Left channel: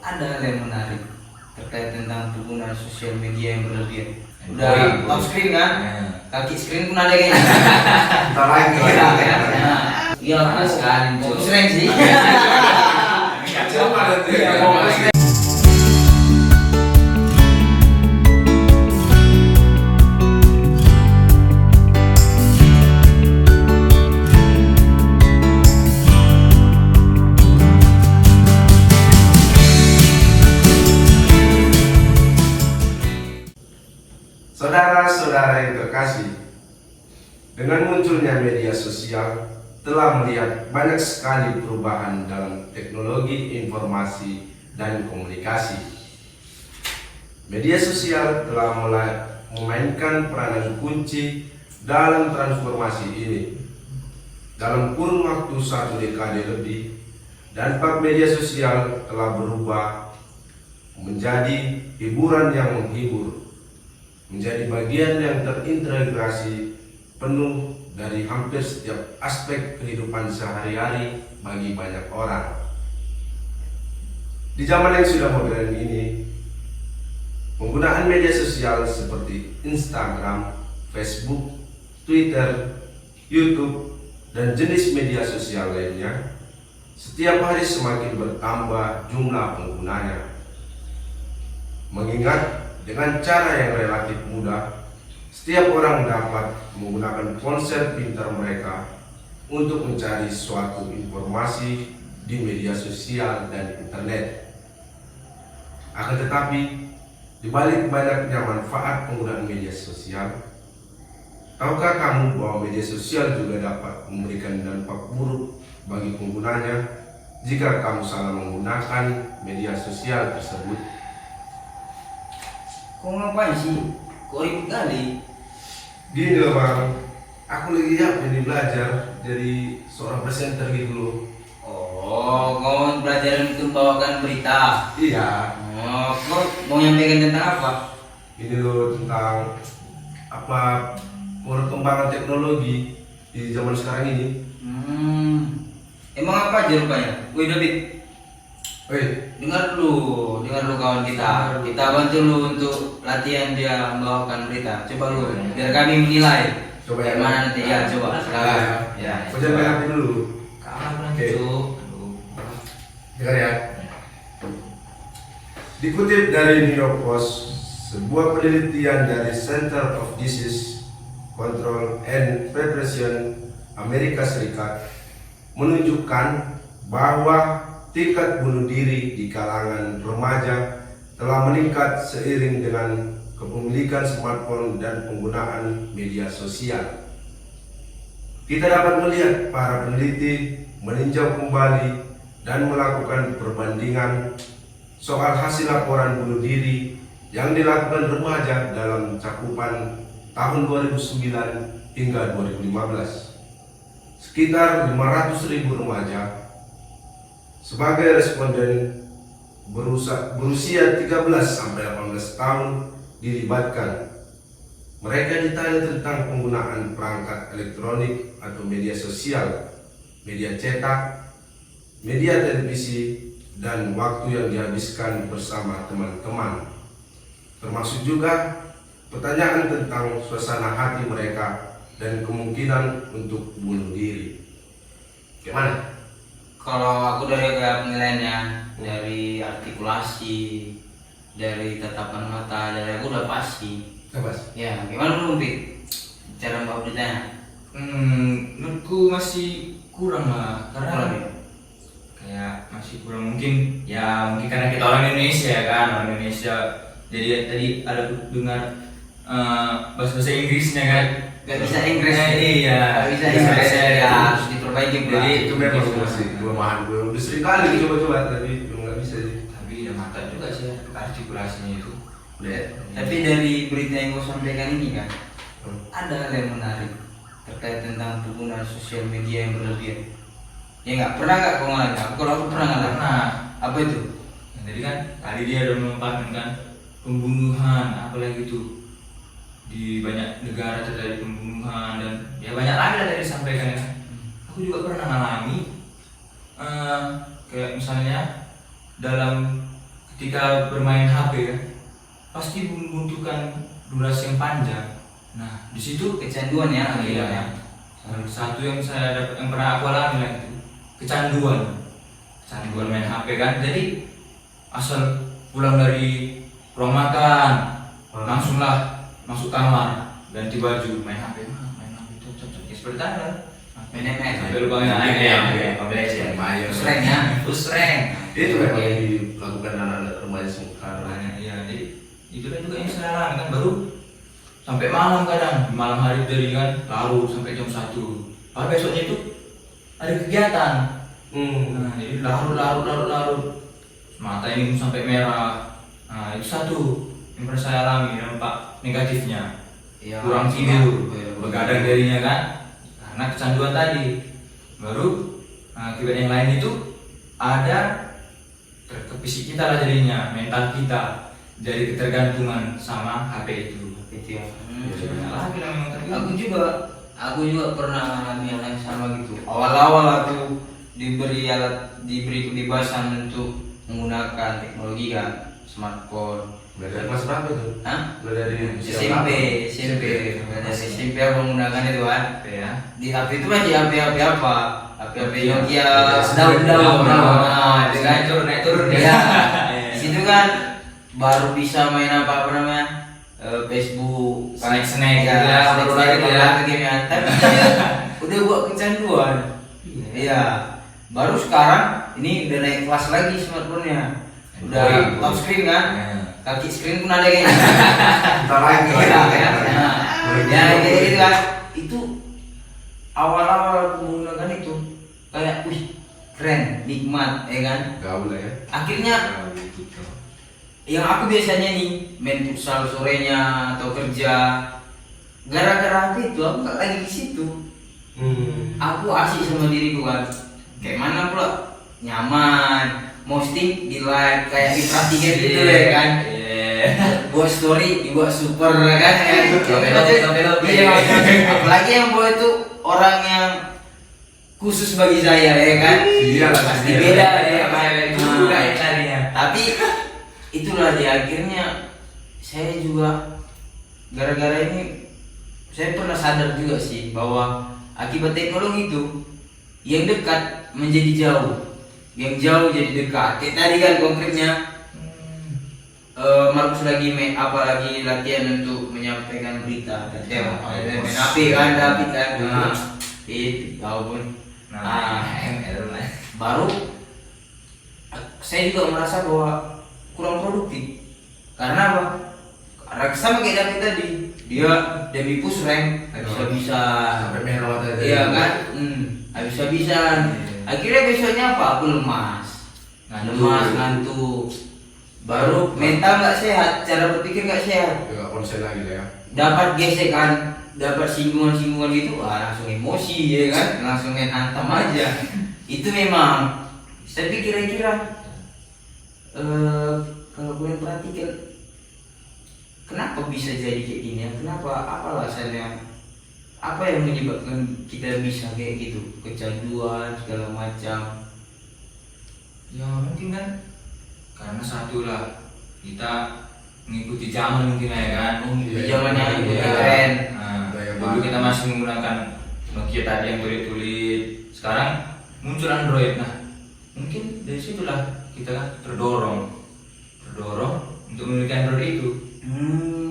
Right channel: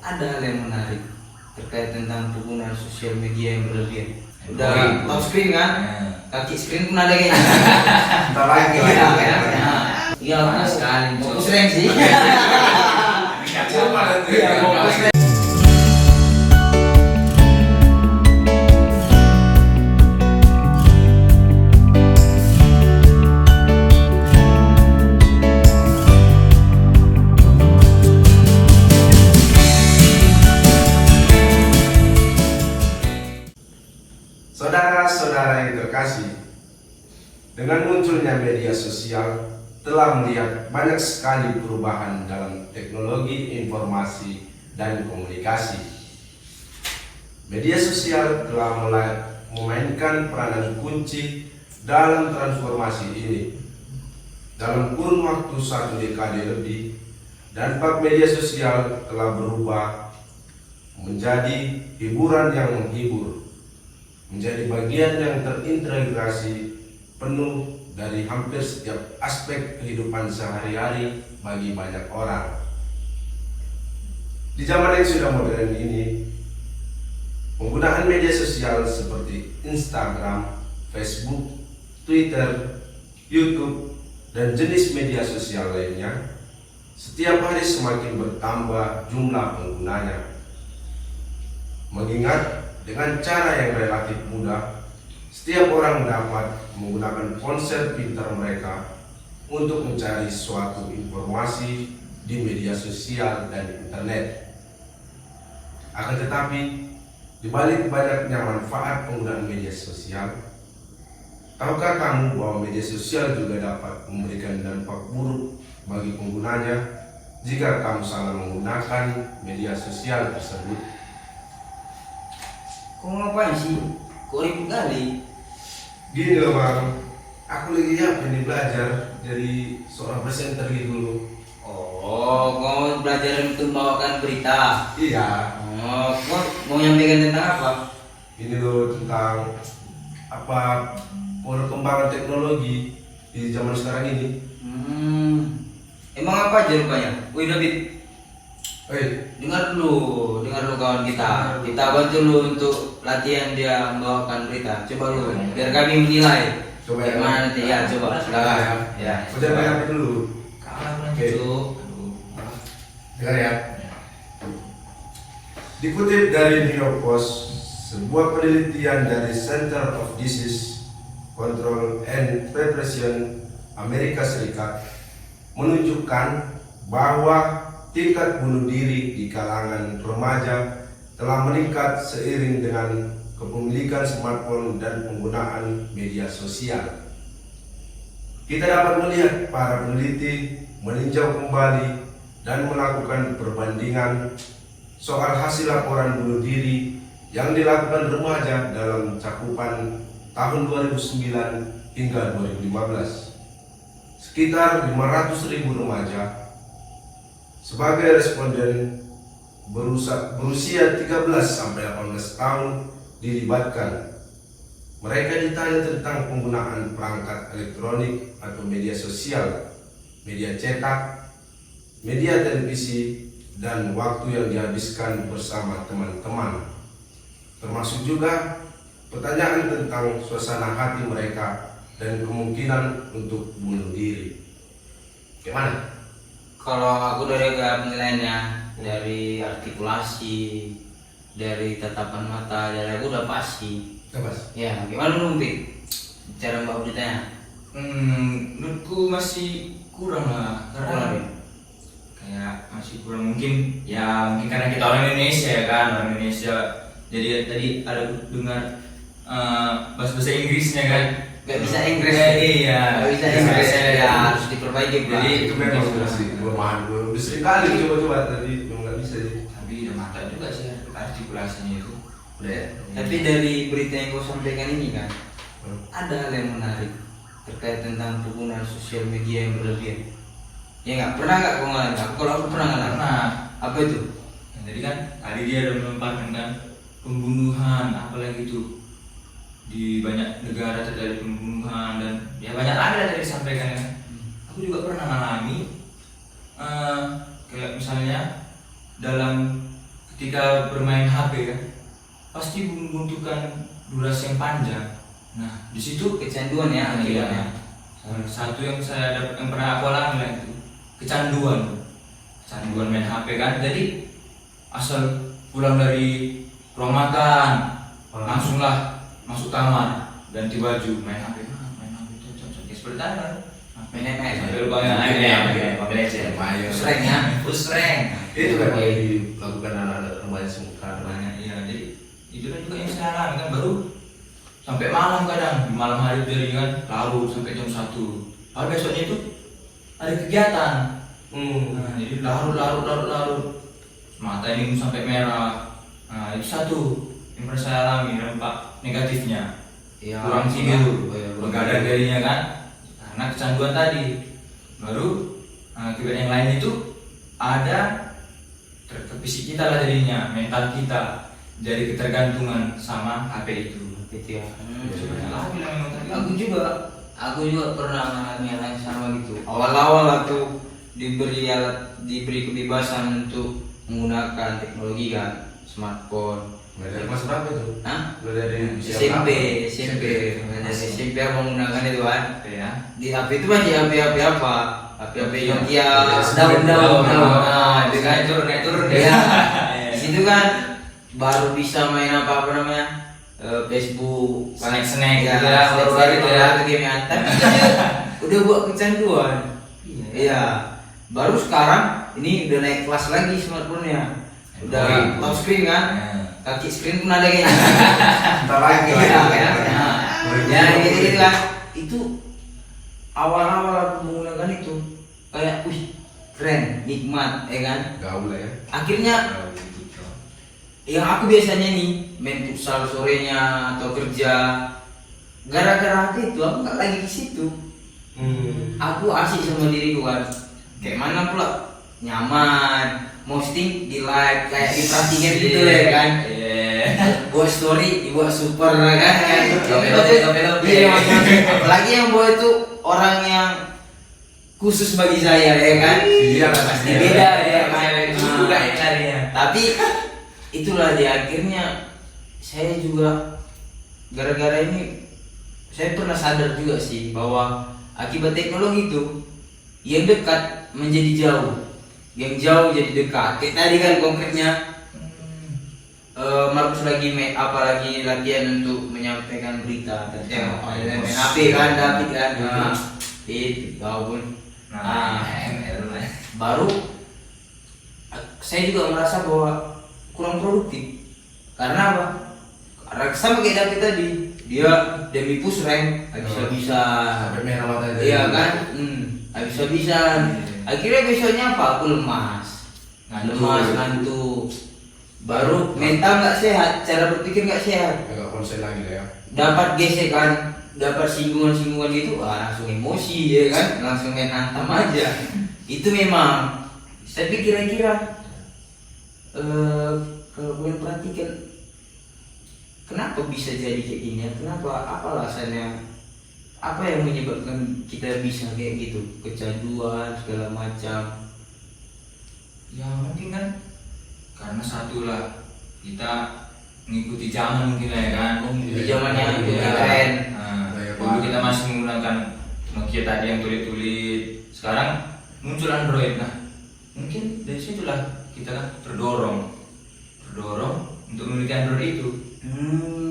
ada hal yang menarik terkait tentang penggunaan sosial media yang berlebihan. Udah top screen kan? Kaki screen pun ada kayaknya. Kita lagi Iya mas sekali. Keren sih. coba nanti. Saudara-saudara yang terkasih, dengan munculnya media sosial telah melihat banyak sekali perubahan dalam teknologi informasi dan komunikasi. Media sosial telah mulai memainkan peranan kunci dalam transformasi ini. Dalam kurun waktu 1 dekade lebih, dampak media sosial telah berubah menjadi hiburan yang menghibur, menjadi bagian yang terintegrasi penuh dari hampir setiap aspek kehidupan sehari-hari bagi banyak orang. Di zaman yang sudah modern ini, penggunaan media sosial seperti Instagram, Facebook, Twitter, YouTube, dan jenis media sosial lainnya setiap hari semakin bertambah jumlah penggunanya. Mengingat dengan cara yang relatif mudah, setiap orang dapat menggunakan ponsel pintar mereka untuk mencari suatu informasi di media sosial dan internet. Akan tetapi, di balik banyaknya manfaat penggunaan media sosial, tahukah kamu bahwa media sosial juga dapat memberikan dampak buruk bagi penggunanya jika kamu salah menggunakan media sosial tersebut? Kau ngapain sih? Kok ribut kali? Gini loh bang, aku lagi ini belajar jadi seorang presenter gitu loh. Oh, kau belajar untuk membawakan berita. Iya. Oh, kau mau nyampaikan tentang apa? Ini loh tentang apa perkembangan teknologi di zaman sekarang ini. Emang apa aja rupanya? Wih David, dengar dulu kawan kita. Kita bantu lu untuk latihan dia membawakan berita. Coba lu, biar kami menilai. Coba ya. Mana nanti ya, coba. Silakan. Ya. Udah bayar dulu. Oke. Dengar ya. Dikutip dari New York Post, sebuah penelitian dari Center of Disease Control and Prevention Amerika Serikat menunjukkan bahwa tingkat bunuh diri di kalangan remaja telah meningkat seiring dengan kepemilikan smartphone dan penggunaan media sosial. Kita dapat melihat para peneliti meninjau kembali dan melakukan perbandingan soal hasil laporan bunuh diri yang dilakukan remaja dalam cakupan tahun 2009 hingga 2015. Sekitar 500.000 remaja sebagai responden berusia 13 sampai 18 tahun dilibatkan. Mereka ditanya tentang penggunaan perangkat elektronik atau media sosial, media cetak, media televisi, dan waktu yang dihabiskan bersama teman-teman. Termasuk juga pertanyaan tentang suasana hati mereka dan kemungkinan untuk bunuh diri. Gimana? Kalau aku dari penilaiannya, dari artikulasi, dari tatapan mata, dari aku udah pasti. Ya, gimana dulu Bik? Cara mbak beritanya? Menurutku masih kurang lah, karena kayak masih kurang. Mungkin karena kita orang Indonesia kan, orang Indonesia. Jadi tadi ada dengar bahasa Inggrisnya kan. Gak bisa Inggris. Iya. Gak bisa Inggris ya, harus diperbaiki. Jadi itu memang masih belum sering kali coba tapi belum nggak bisa sih. Tapi udah mantap juga sih artikulasinya itu. Udah. Tapi dari berita yang gue sampaikan ini kan, ada hal yang menarik terkait tentang penggunaan sosial media yang berlebihan. Ya nggak pernah nggak kau ngalamin? Kalau aku pernah ngalamin. Nah, Apa itu? jadi kan tadi dia udah memaparkan pembunuhan apalagi itu di banyak negara terjadi pembunuhan dan ya banyak lagi lah tadi disampaikan ya. Aku juga pernah mengalami kayak misalnya dalam ketika bermain HP ya pasti membutuhkan durasi yang panjang. Nah di situ Kecanduan ya iya, akhirnya. salah satu yang saya dapat yang pernah aku alami lah itu kecanduan main HP kan. Jadi asal pulang dari ruang makan langsunglah masuk kamar ganti baju main HP cocok seperti apa Main ML. sampai lupa main Sreng ya. Sreng. Itu kan yang dilakukan anak-anak remaja sekarang. ya jadi itulah juga yang saya alami kan, baru sampai malam kadang di malam hari jadi kan larut sampai jam 1 padahal besoknya itu ada kegiatan. Nah, jadi larut mata ini sampai merah. Nah itu satu yang pernah saya alami dampak negatifnya. Ya, Kurang tidur, ya, begadang darinya kan karena kecanduan tadi. Baru akibat yang lain itu ada ke fisik kita lah jadinya, mental kita jadi ketergantungan sama HP itu. Gitu ya. Lagi namanya mental Aku juga pernah mengalami hal yang sama gitu. Awal-awal waktu diberi kebebasan untuk menggunakan teknologi kan, smartphone. Mulai dari kelas berapa itu? Hah? Mulai dari SMP aku menggunakan itu kan. ya. Di HP itu masih HP apa? HP yang dia Daun. daun-daun. Itu kan Naik turun ya. ya. Di situ kan baru bisa main apa namanya? Facebook, Snack ya, gitu ya, baru-baru itu ya. game yang udah buat kecanduan. Iya. Baru sekarang ini udah naik kelas lagi smartphone-nya. Udah touch screen kan? Kaki screen pun ada kayaknya. Entar lagi. Ya, ya, jadi kan itu awal-awal aku menggunakan itu kayak, wih, keren, nikmat, ya kan? Gaul lah ya. Akhirnya yang aku biasanya nih main futsal sorenya atau kerja, gara-gara HP itu aku nggak lagi di situ. Aku asik sama diriku kan. Kayak mana pula nyaman, posting di like kayak diperhatikan gitu ya kan. Buat story dibuat super kan. Iya, apalagi yang buat itu orang yang khusus bagi saya ya kan. Iya lah, Pasti beda ya kan. Juga ya tadinya. Tapi itulah di akhirnya saya juga gara-gara ini saya pernah sadar juga sih bahwa akibat teknologi itu yang dekat menjadi jauh, yang jauh jadi dekat. Kayak tadi kan konkretnya Markus lagi apalagi latihan untuk menyampaikan berita main HP kan David kan. Itu tahu pun. Baru saya juga merasa bahwa kurang produktif. Karena apa? Karena sama kayak David tadi, dia demi push rank bisa Sampai merah mata itu. iya kan? Bisa. Akhirnya besoknya apa? Aku lemas, ngantuk. Baru mental nggak sehat, cara berpikir nggak sehat. Agak konsen lagi lah ya. Dapat gesekan, dapat singgungan gitu, langsung emosi ya kan? Langsung main hantam aja. Itu memang saya pikir kira-kira kalau boleh perhatikan kenapa bisa jadi kayak gini ya? Kenapa? Apa alasannya? Apa yang menyebabkan kita bisa kayak gitu? Kecanduan segala macam. Ya mungkin kan karena satu lah kita mengikuti zaman mungkin lah ya kan. Di zamannya Iya. keren. Dulu kita masih menggunakan Nokia tadi yang tulit-tulit. Sekarang muncul Android. Nah mungkin dari situlah kita kan terdorong untuk memiliki Android itu.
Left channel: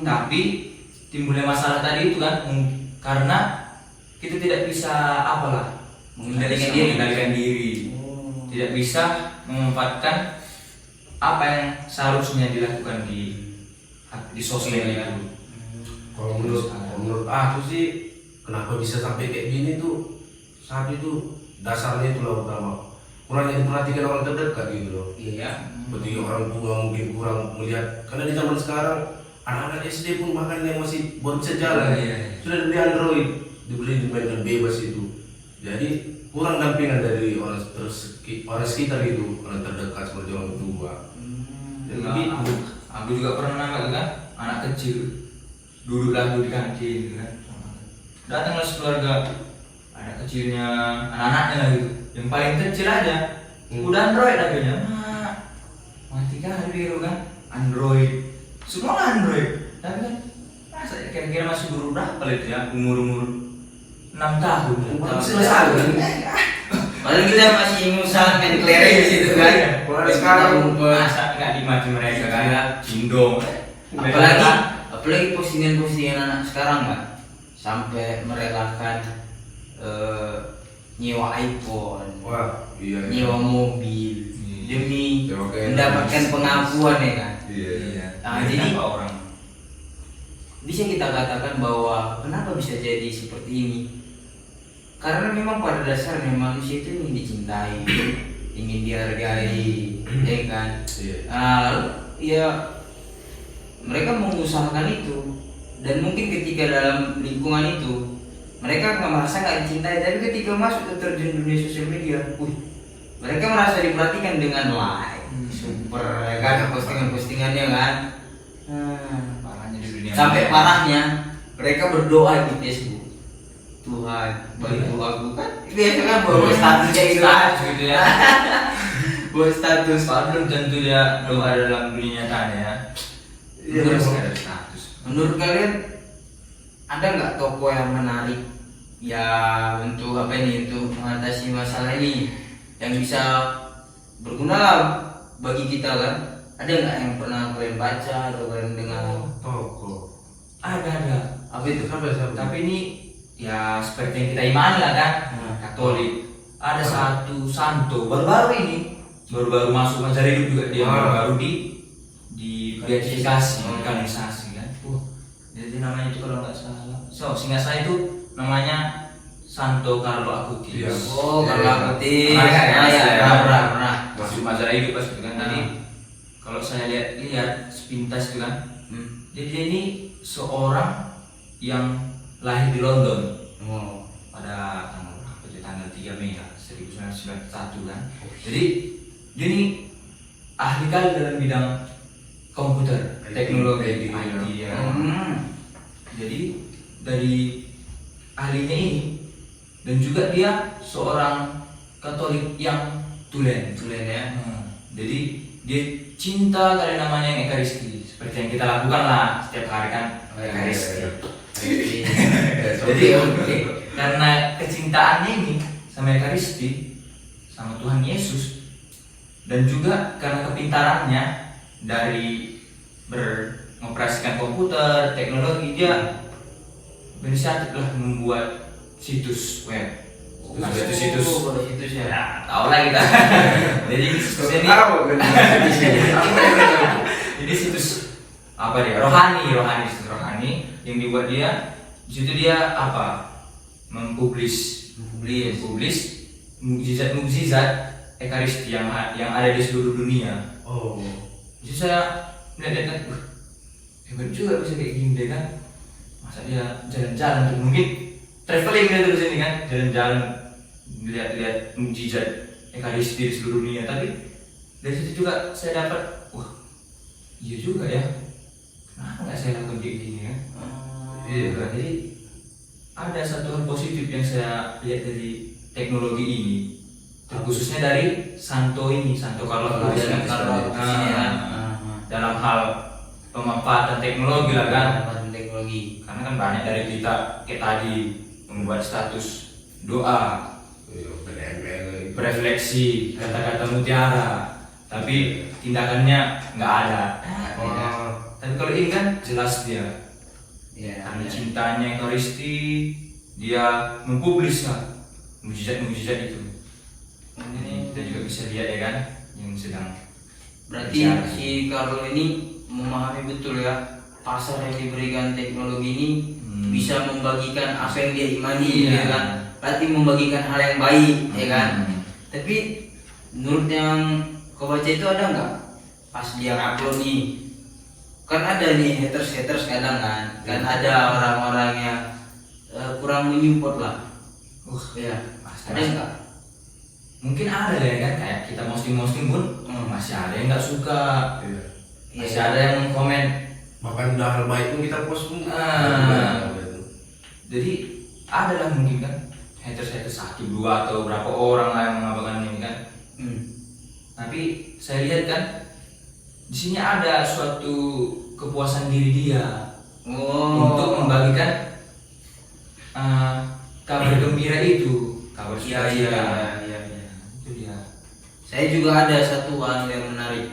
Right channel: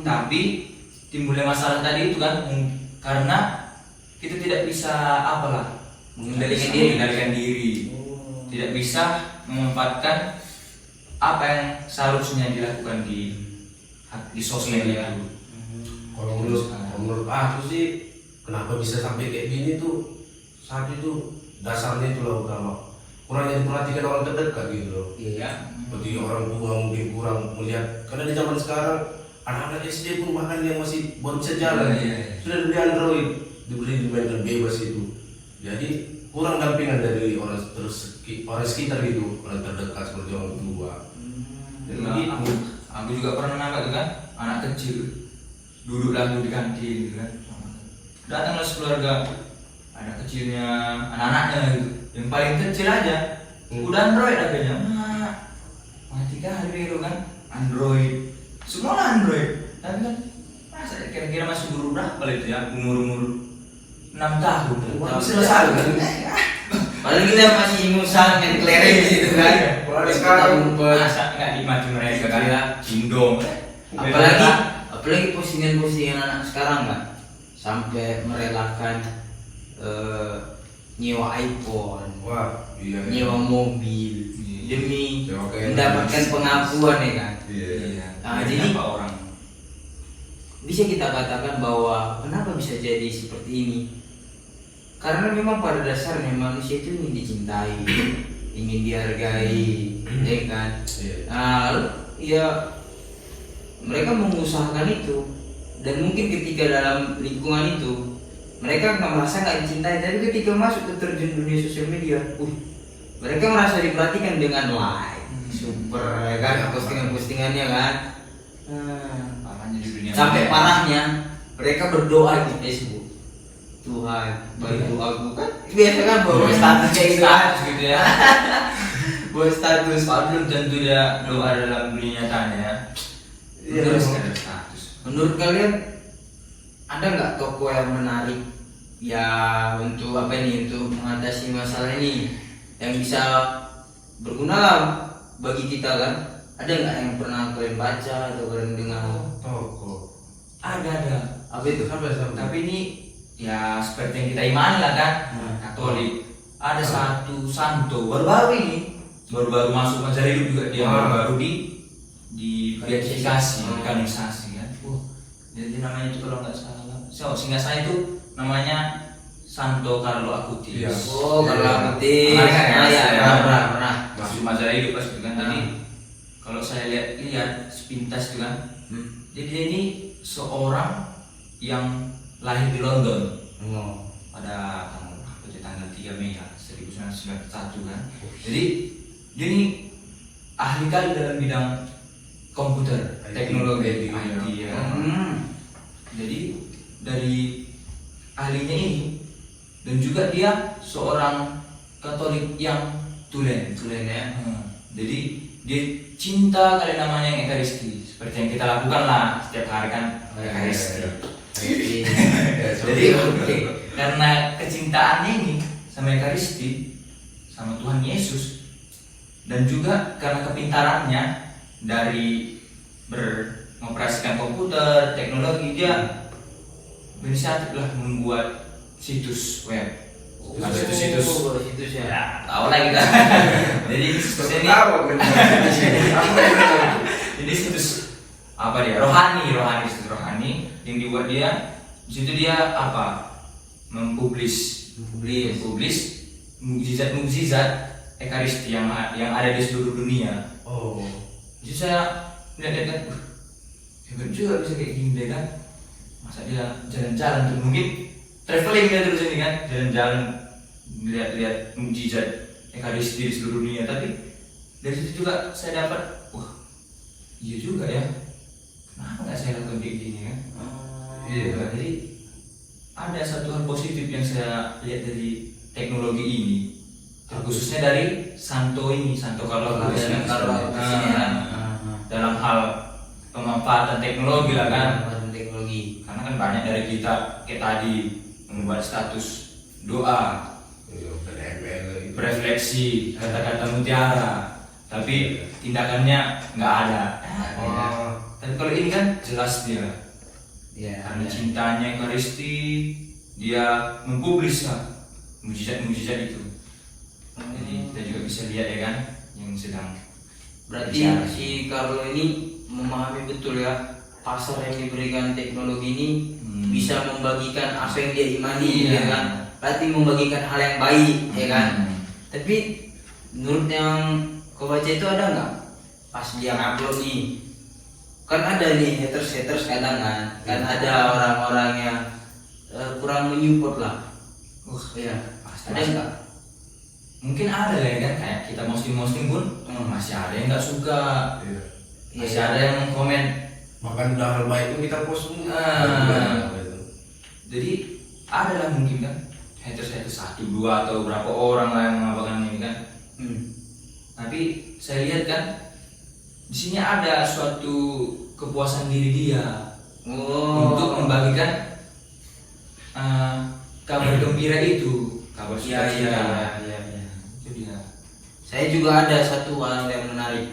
Tapi timbulnya masalah tadi itu kan karena kita tidak bisa mengendalikan diri, tidak bisa memanfaatkan apa yang seharusnya dilakukan di sosmed itu. Kalau menurut aku sih kenapa bisa sampai kayak gini tuh saat itu dasarnya itu loh pertama kurangnya diperhatikan orang terdekat gitu loh. Iya. Seperti orang tua mungkin kurang melihat karena di zaman sekarang anak-anak SD pun bahkan yang masih baru bisa jalan sudah diberi Android, diberi dimainkan bebas itu. Jadi kurang dampingan dari orang sekitar gitu, orang terdekat seperti orang tua. Jadi gitu. Aku juga pernah nampak kan anak kecil duduk lalu di kantin gitu kan. Datanglah sekeluarga anak kecilnya, anak-anaknya gitu. Yang paling kecil aja udah Android akhirnya. canggih kali bego kan, Android, semua Android, tapi kan masa kira-kira masih umur berapa lagi ya, umur 6 tahun, Bisa kan? Paling kita masih ngusaha enclare gitu kan. Kalau sekarang masa nggak dimaki mereka kan, Iya. cindong, Apalagi postingan-postingan anak sekarang kan, sampai merelakan nyewa iPhone, wah, iya. nyewa mobil demi Sewa kayak mendapatkan Indonesia. pengakuan ya kan. Iya. Jadi apa orang bisa kita katakan bahwa kenapa bisa jadi seperti ini, karena memang pada dasarnya manusia itu ingin dicintai, ingin dihargai, ya kan. Iya. Ya mereka mengusahakan itu, dan mungkin ketika dalam lingkungan itu mereka nggak merasa nggak dicintai, tapi ketika masuk ke terjun dunia sosial media, mereka merasa diperhatikan dengan like, super ya kan, postingan-postingannya kan. parahnya di dunia Sampai ini. parahnya mereka berdoa di Facebook, Tuhan bantu aku kan, biasa kan bawa status kayak gitu kan. gitu ya. Buat status. Belum tentu dia doa dalam dunia nyatanya. Iya, Belum Bang. sekedar status. Menurut kalian ada nggak toko yang menarik ya untuk apa ini, untuk mengatasi masalah ini, yang bisa berguna lah bagi kita kan? Ada nggak yang pernah kalian baca atau kalian dengar? Toko. Ada. Apa itu? Tapi ini ya seperti yang kita imani lah kan, Katolik. Ada Hmm. satu santo baru-baru ini, baru-baru masuk mencari hidup juga dia, baru di beatifikasi, dikanonisasi kan. Jadi namanya itu kalau nggak salah, singkat saya itu namanya Santo Carlo Acutis. Iya. Oh, kalau aktif. Pernah. Pernah. Masuk majalah hidup pas itu kan. Jadi kalau saya lihat sepintas itu kan, jadi dia ini seorang yang lahir di London Oh. pada tanggal berapa? Jadi tanggal 3 Mei 1991 kan. Jadi dia ini ahli kali dalam bidang komputer, IT, teknologi, IT, IT ya. Jadi dari ahlinya ini, dan juga dia seorang Katolik yang tulen ya. Jadi dia cinta kali namanya Ekaristi, seperti yang kita lakukan lah setiap hari kan Ekaristi. Jadi karena kecintaannya ini sama Ekaristi, sama Tuhan Yesus, dan juga karena kepintarannya dari mengoperasikan komputer, teknologi, dia berinisiatif lah membuat situs web. Bukan situs ya, tahu lah kita. Jadi situs ini jadi situs apa dia? Situs rohani yang dibuat dia. Di situ dia apa? Mempublis mukjizat Ekaristi yang ada di seluruh dunia. Oh. Jadi saya lihat hebat juga bisa kayak gini deh kan. Masa dia jalan-jalan tuh, mungkin traveling dia dulu sini kan, jalan-jalan lihat mukjizat Ekaristi di seluruh dunia. Tapi dari situ juga saya dapat, wah iya juga ya, kenapa nggak saya lakukan kayak gini kan? Iya. Jadi ada satu hal positif yang saya lihat dari teknologi ini, khususnya dari Santo Carlo Acutis kan, dalam hal pemanfaatan teknologi lah kan. Teknologi. Karena kan banyak dari kita kayak tadi membuat status doa, berefleksi, kata-kata mutiara, tapi tindakannya nggak ada. Tapi kalau ini kan jelas dia, karena cintanya Ekaristi, dia mempublis mujizat itu. Jadi kita juga bisa lihat ya kan, yang sedang Berarti si Carlo ini memahami betul ya pasar yang diberikan teknologi ini bisa membagikan apa yang dia imani, ya kan? Berarti membagikan hal yang baik, ya kan? Tapi menurut yang kau baca itu ada nggak pas dia upload nih? Kan ada nih haters kadang kan ada orang-orang yang kurang menyupport lah. Ya, ada nggak? Mungkin ada ya kan, kayak kita posting pun masih ada yang nggak suka, masih ada yang komen. Makan hal baik itu kita post semua. Jadi ada lah mungkin kan haters 1, 2 atau berapa orang lah yang mengabarkan ini kan. Tapi saya lihat kan di sini ada suatu kepuasan diri dia Oh. untuk membagikan kabar gembira itu, kabar Iya, sukacita. iya. Itu dia. Saya juga ada satu hal yang menarik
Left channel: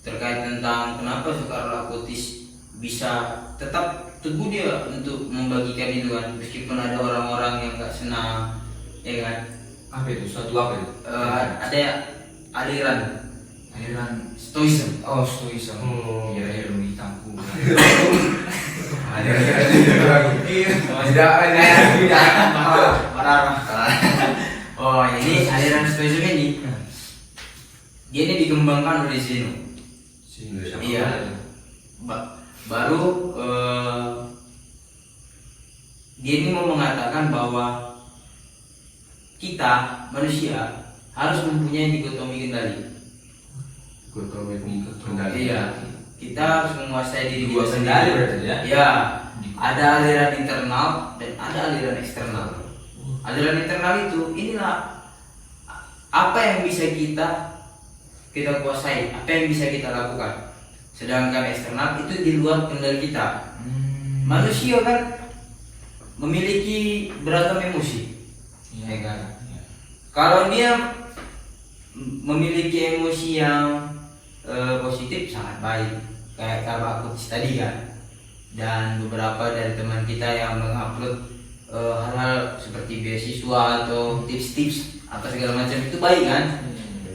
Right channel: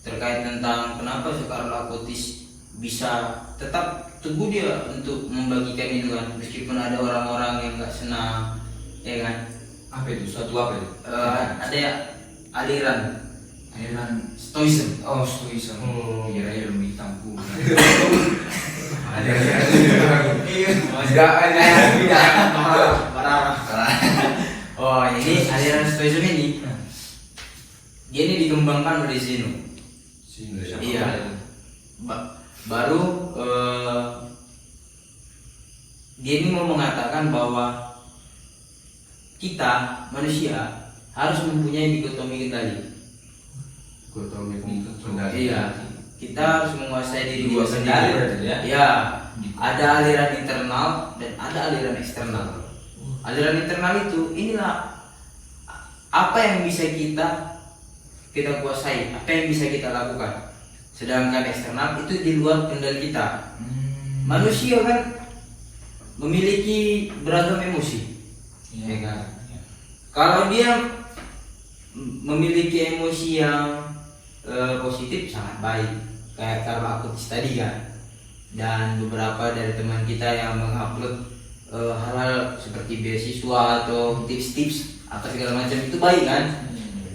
terkait tentang kenapa Soekarno Lakotis bisa tetap teguh dia untuk membagikan itu kan, meskipun ada orang-orang yang nggak senang, ya kan? Apa itu? Suatu apa itu? Ada aliran Aliran Stoicism. Stoicism. Hmm. Iya, ilmu hitamku. Tidak ada. Parah. Oh, ini aliran Stoicism ini dia ini dikembangkan oleh Zeno. Iya. Baru dia ini mau mengatakan bahwa kita manusia harus mempunyai dikotomi kendali. Iya, kita harus menguasai diri kita sendiri. Ya, ada aliran internal dan ada aliran eksternal. Aliran internal itu inilah apa yang bisa kita kuasai, apa yang bisa kita lakukan. Sedangkan eksternal itu di luar kendali kita. Manusia kan memiliki beragam emosi, ya kan? Kalau dia memiliki emosi yang positif sangat baik, kayak kalau aku tadi kan, dan beberapa dari teman kita yang mengupload hal-hal seperti beasiswa atau tips-tips apa segala macam itu baik kan?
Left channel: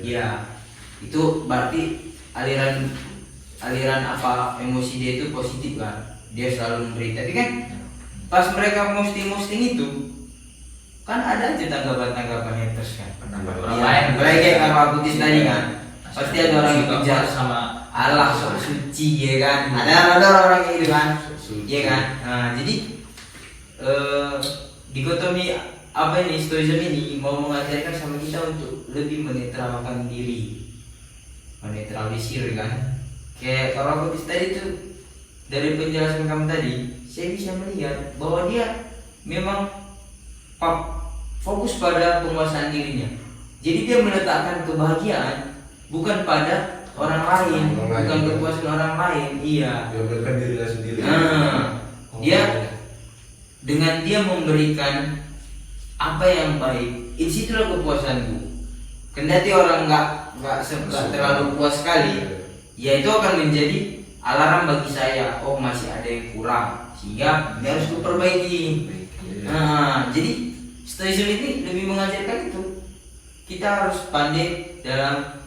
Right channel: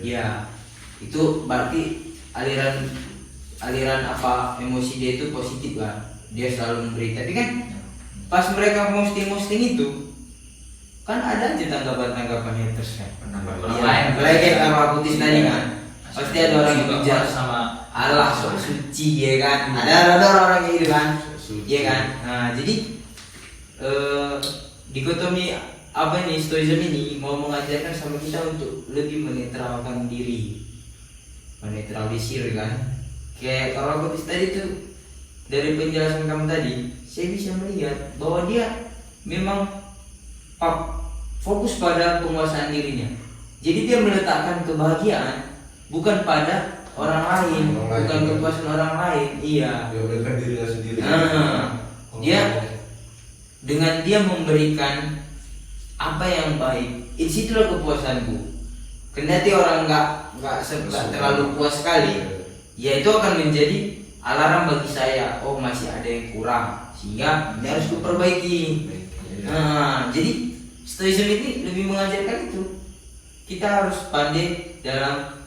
Iya, itu berarti aliran apa emosi dia itu positif kan? Dia selalu memberi. Tapi kan pas mereka posting itu kan ada aja tanggapan haters kan. Iya, kayak sama putih tadi kan. Pasti ada orang yang bicara sama Allah sok suci ya kan. Ada orang gitu kan. Iya kan. Nah, jadi dikotomi apa ini Stoicism ini mau mengajarkan sama kita untuk lebih menetralkan diri, menetralisir kan. Kayak kalau putih tadi tuh dari penjelasan kamu tadi, saya bisa melihat bahwa dia memang fokus pada penguasaan dirinya. Jadi dia meletakkan kebahagiaan bukan pada orang lain, bukan kepuasan orang lain. Iya. Dia dirinya sendiri. Dia dengan dia memberikan apa yang baik, disitulah kepuasanku. Kendati orang nggak terlalu puas sekali, ya itu akan menjadi alarm bagi saya. Oh, masih ada yang kurang, sehingga ini harus diperbaiki. Jadi Stoicism ini lebih mengajarkan itu. Kita harus pandai dalam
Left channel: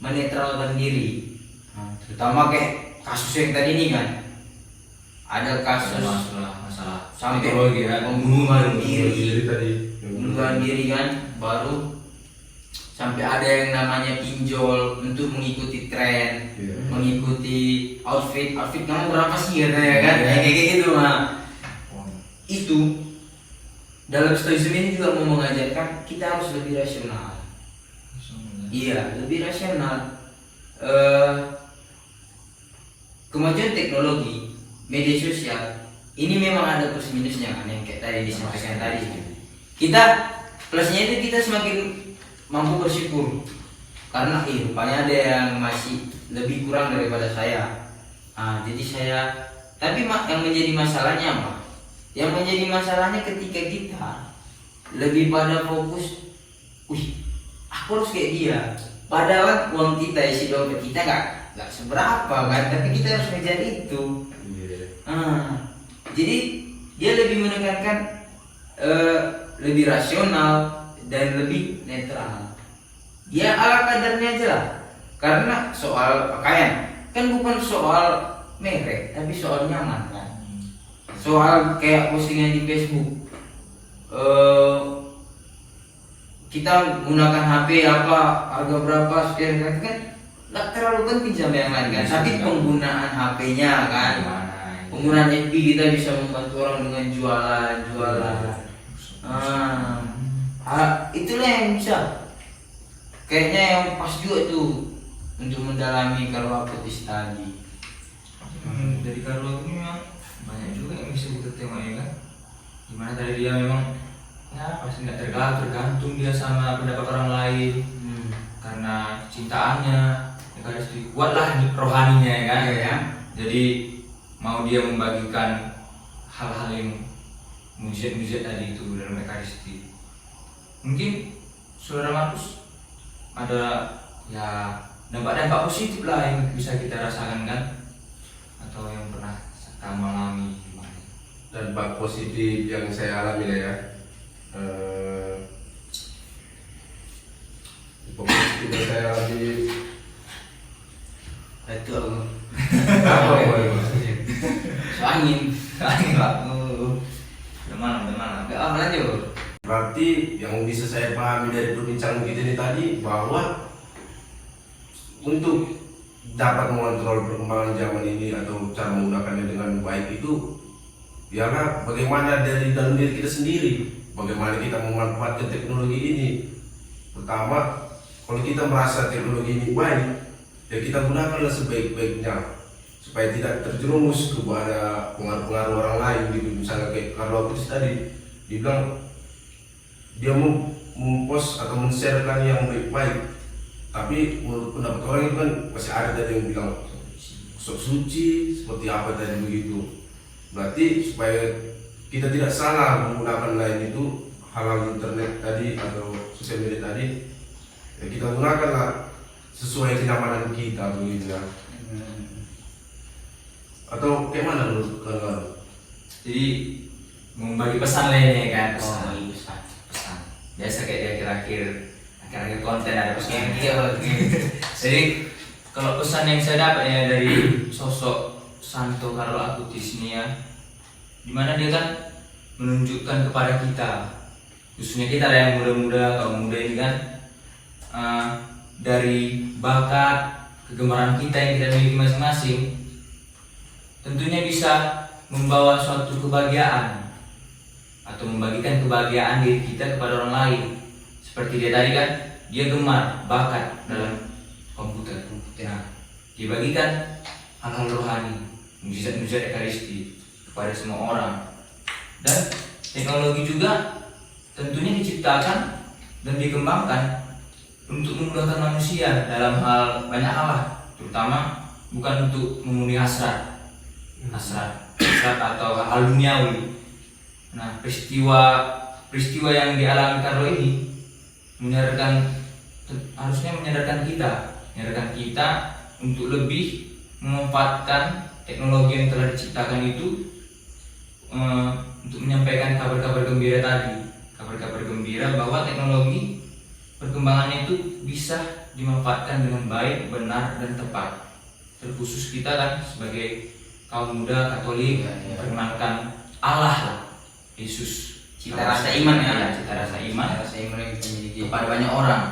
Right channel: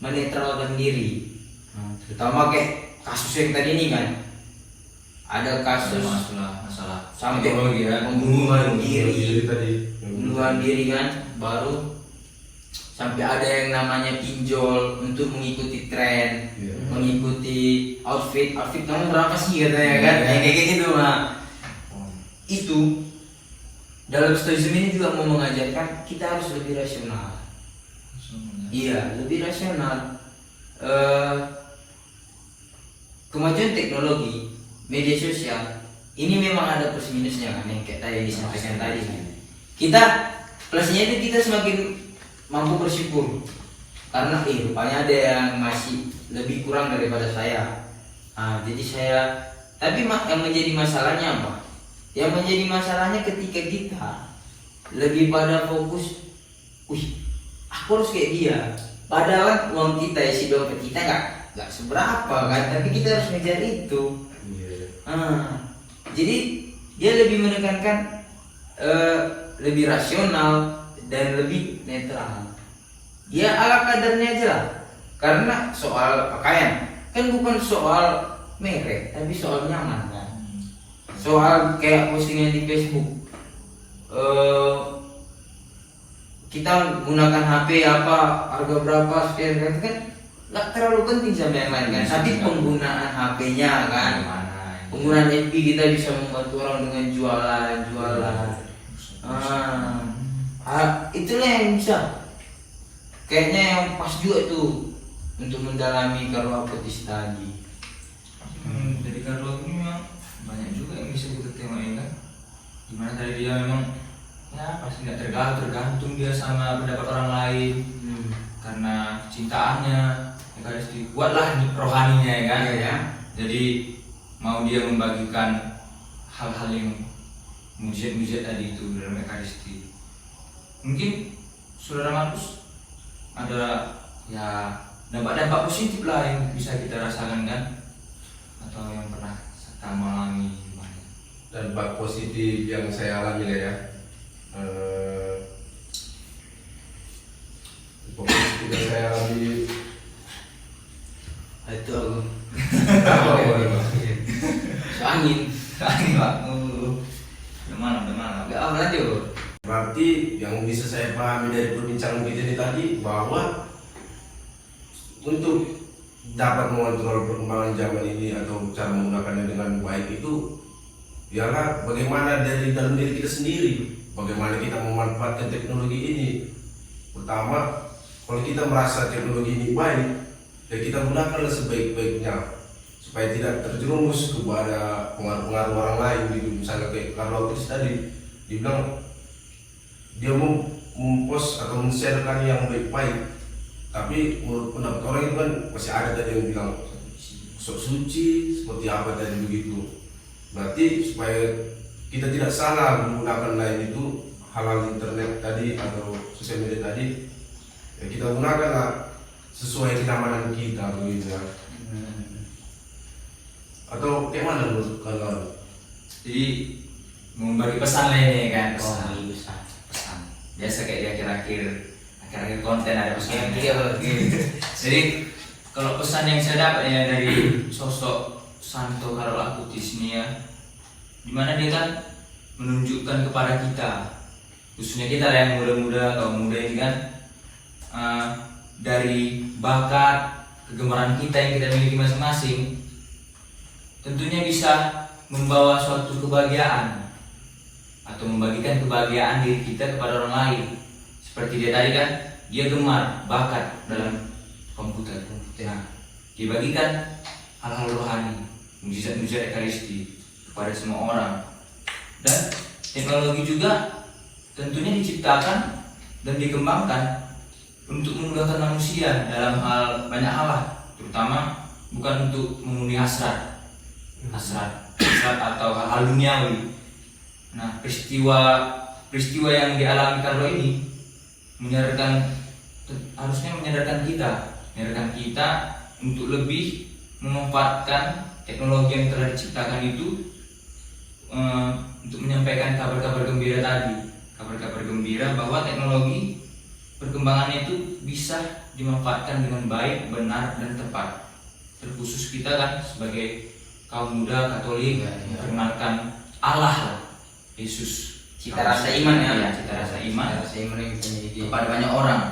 menetralkan diri, terutama kayak kasus yang tadi ini kan, ada kasus masalah sampai ya. pembunuhan Tadi. diri kan, baru sampai ada yang namanya pinjol untuk mengikuti tren, mengikuti outfit kamu berapa sih katanya kan, kayak gitu mah. Itu dalam Stoicism ini juga mau mengajarkan kita harus lebih rasional. Iya, lebih rasional. Kemajuan teknologi, media sosial, ini memang ada plus minusnya kan, yang kayak tadi disampaikan tadi kan. Kita plusnya itu kita semakin mampu bersyukur karena rupanya ada yang masih lebih kurang daripada saya. Jadi saya, tapi yang menjadi masalahnya apa? Yang menjadi masalahnya ketika kita lebih pada fokus, aku harus kayak dia. Padahal uang kita, isi dompet kita nggak seberapa kan, tapi kita harus ngejar itu. Jadi dia lebih menekankan lebih rasional dan lebih netral. Dia ala kadarnya aja lah. Karena soal pakaian kan bukan soal merek, tapi soal nyaman kan. Soal kayak postingan di Facebook, kita gunakan HP apa, harga berapa, sekian kan nggak terlalu penting sama yang lain kan. Tapi penggunaan HP-nya kan, penggunaan FB kita bisa membantu orang dengan jualan. Itulah yang bisa. Kayaknya yang pas juga tuh untuk mendalami Carlo Acutis tadi. Dari Carlo ini memang banyak juga yang bisa kita tengok ya kan. Gimana tadi dia memang ya pasti nggak tergantung dia sama pendapat orang lain karena cintaannya Ekaristi kuatlah rohaninya ya kan. Iya. Jadi mau dia membagikan hal-hal yang mujizat tadi itu dalam Ekaristi. Mungkin saudara Markus ada ya dampak-dampak positif lah yang bisa kita rasakan kan, atau yang pernah kita mengalami gimana? Dampak positif yang saya alami ya, dampak positif yang saya alami Itu apa? angin. Angin lah. Benar. Enggak lanjut. Berarti yang bisa saya pahami dari perbincangan kita ini tadi bahwa untuk dapat mengontrol perkembangan zaman ini atau cara menggunakannya dengan baik itu ialah bagaimana dari dalam diri kita sendiri, bagaimana kita memanfaatkan teknologi ini. Pertama, kalau kita merasa teknologi ini baik, ya kita gunakanlah sebaik-baiknya supaya tidak terjerumus kepada pengaruh-pengaruh orang lain gitu. Misalnya kayak Carlo Acutis tadi dibilang dia mau mempost atau men-sharekan yang baik-baik, tapi menurut pendapat orang itu kan masih ada tadi yang bilang sok suci seperti apa tadi begitu. Berarti supaya kita tidak salah menggunakan lain itu hal-hal internet tadi atau sosial media tadi, ya kita gunakanlah sesuai kenyamanan kita begitu ya. Atau kayak mana menurut kalian? Jadi membagi pesan lainnya kan, pesan. Oh, iya, besar. Pesan. Biasa kayak di akhir-akhir konten ada pesan. Iya. Jadi kalau pesan yang saya dapat ya dari sosok Santo Carlo Acutis ini ya, dimana dia kan menunjukkan kepada kita, khususnya kita yang muda-muda atau muda ini kan, dari bakat kegemaran kita yang kita miliki masing-masing, tentunya bisa membawa suatu kebahagiaan atau membagikan kebahagiaan diri kita kepada orang lain. Seperti dia tadi kan, dia gemar bakat dalam komputer. Nah, dibagikan hal-hal rohani, mujizat-mujizat Ekaristi kepada semua orang. Dan teknologi juga tentunya diciptakan dan dikembangkan untuk memudahkan manusia dalam hal banyak hal lah, terutama bukan untuk memenuhi hasrat atau hal duniawi. Nah, peristiwa yang dialami Carlo ini harusnya menyadarkan kita untuk lebih memanfaatkan teknologi yang telah diciptakan itu untuk menyampaikan kabar-kabar gembira tadi, kabar-kabar gembira bahwa teknologi perkembangannya itu bisa dimanfaatkan dengan baik, benar, dan tepat. Terkhusus kita kan sebagai kaum muda Katolik memperkenalkan Allah lah, Yesus, Cita rasa iman ya, cita rasa iman yang kita miliki kepada banyak orang,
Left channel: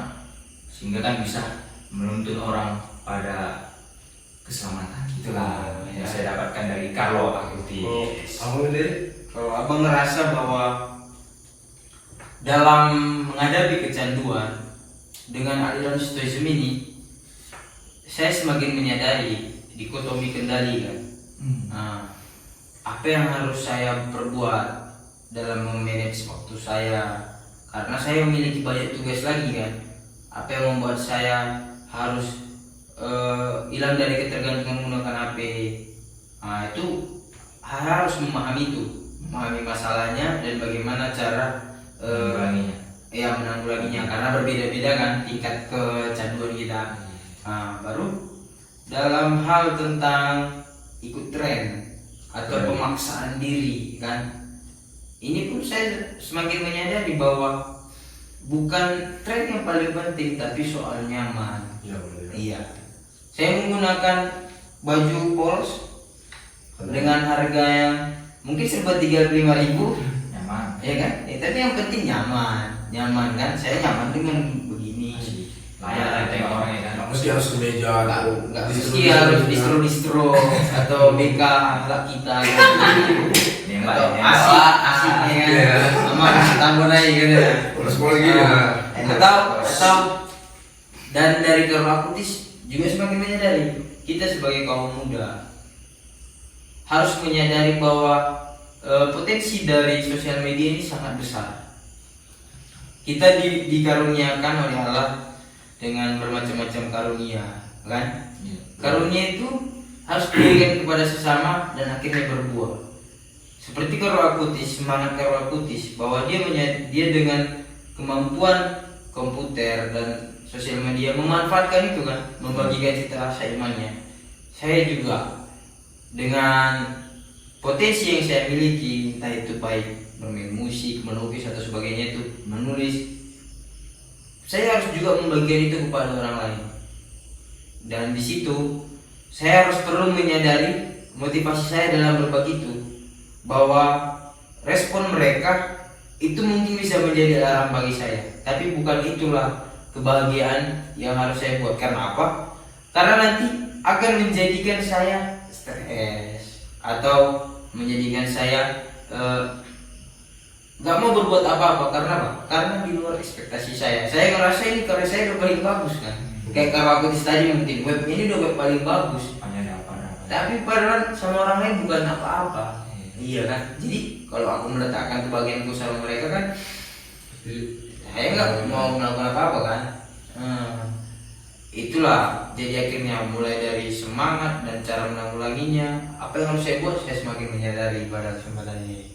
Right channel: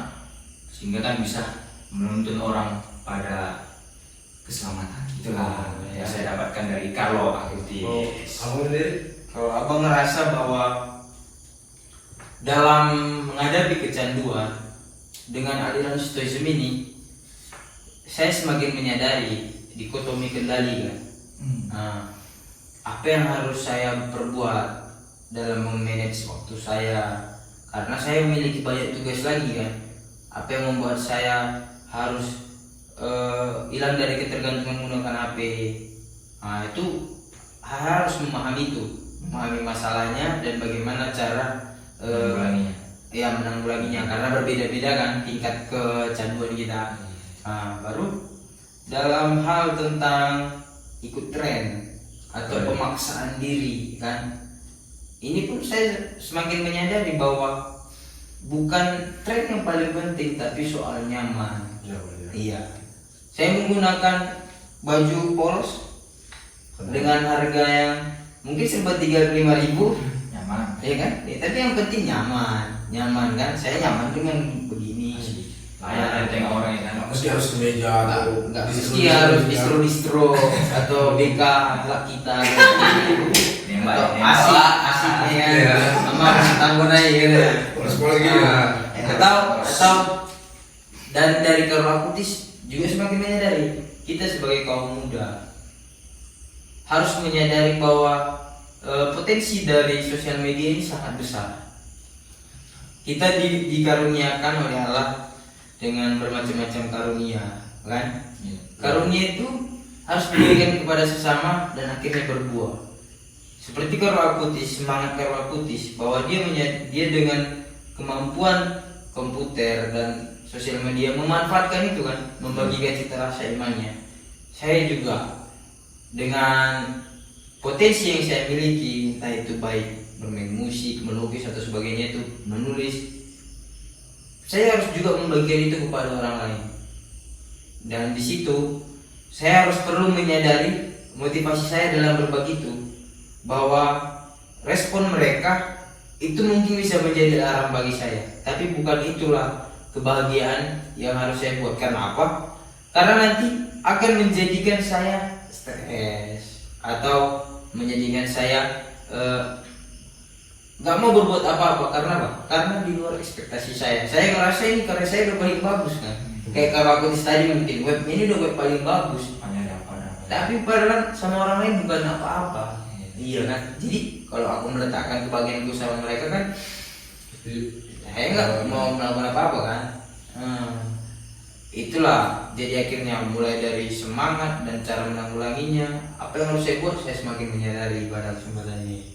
sehingga kan bisa menuntun orang pada keselamatan. Itulah yang saya dapatkan dari Carlo Acutis. Kamu ini Kalau abang ngerasa bahwa dalam menghadapi kecanduan dengan aliran stoicism ini, saya semakin menyadari dikotomi kendali kan. Apa yang harus saya perbuat dalam memanage waktu saya, karena saya memiliki banyak tugas lagi kan. Apa yang membuat saya harus hilang dari ketergantungan menggunakan HP. Itu harus memahami masalahnya dan bagaimana cara menanggulanginya, karena berbeda-beda kan tingkat kecanduan kita. Baru dalam hal tentang ikut tren atau pemaksaan diri kan, ini pun saya semakin menyadari bahwa bukan tren yang paling penting, tapi soal nyaman. Iya, saya menggunakan baju polos dengan harga yang mungkin serba 35.000, Nyaman. ya kan? Tapi yang penting nyaman kan? Saya nyaman dengan begini. Layak tengok orang itu. mesti harus kemeja atau Nggak mesti harus distro atau BK akhlak kita atau asik ya kan, sama tanggung aja gitu ya. sekolah gini nah. Atau dan dari Carlo Acutis juga semakin menyadari kita sebagai kaum muda harus menyadari bahwa potensi dari sosial media ini sangat besar. Kita dikaruniakan oleh Allah dengan bermacam-macam karunia, kan? Iya. Karunia itu harus diberikan kepada sesama dan akhirnya berbuah. Seperti Karol Akutis, semangat Karol Akutis bahwa dia dengan kemampuan komputer dan sosial media memanfaatkan itu kan, membagikan cita rasa imannya. Saya juga dengan potensi yang saya miliki, entah itu baik bermain musik, melukis atau sebagainya, itu menulis, saya harus juga membagikan itu kepada orang lain. Dan di situ saya harus perlu menyadari motivasi saya dalam berbagi itu, bahwa respon mereka itu mungkin bisa menjadi alarm bagi saya, tapi bukan itulah kebahagiaan yang harus saya buat. Karena apa? Karena nanti akan menjadikan saya stres atau menjadikan saya nggak mau berbuat apa-apa. Karena apa? Karena di luar ekspektasi saya. Saya ngerasa ini karena saya udah paling bagus kan. Kayak kalau aku tadi mungkin web ini udah web paling bagus. Tapi padahal sama orang lain bukan apa-apa. Iya kan? Jadi kalau aku meletakkan kebahagiaanku sama mereka kan, saya nggak mau melakukan apa-apa kan. Itulah jadi akhirnya mulai dari semangat dan cara menanggulanginya. Apa yang harus saya buat, saya semakin menyadari pada kesempatan ini.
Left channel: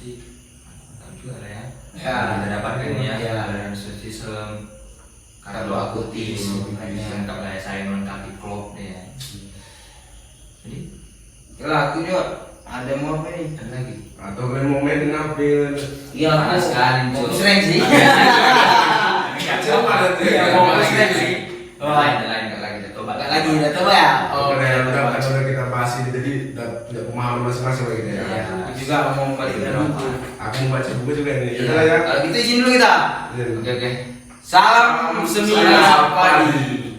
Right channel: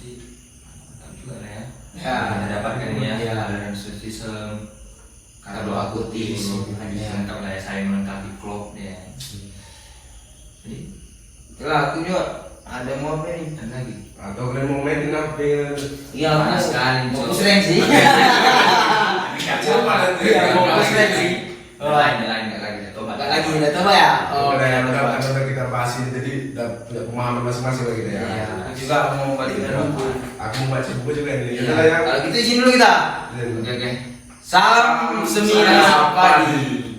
Jadi mantap juga lah ya. Ya, Kita dapatkan ini ya. ya. Ada sistem Karol Akutis, bisa lengkap lah ya, saya melengkapi vlog ya. Jadi Lah aku juga ada mau apa nih? ada lagi. Atau kalian mau main ngambil Iya, Panas sekali, mau Cok. sering sih. Coba nanti. Iya, mau sering sih. Lain lagi. Coba Enggak lagi, udah coba ya. Udah kita bahas ini jadi udah punya pemahaman masing-masing lagi nih. Ya, aku juga mau membaca buku. Aku mau baca buku juga nih. Iya. Kita lah ya. Kalau gitu izin dulu kita. Oke. Salam seminar pagi.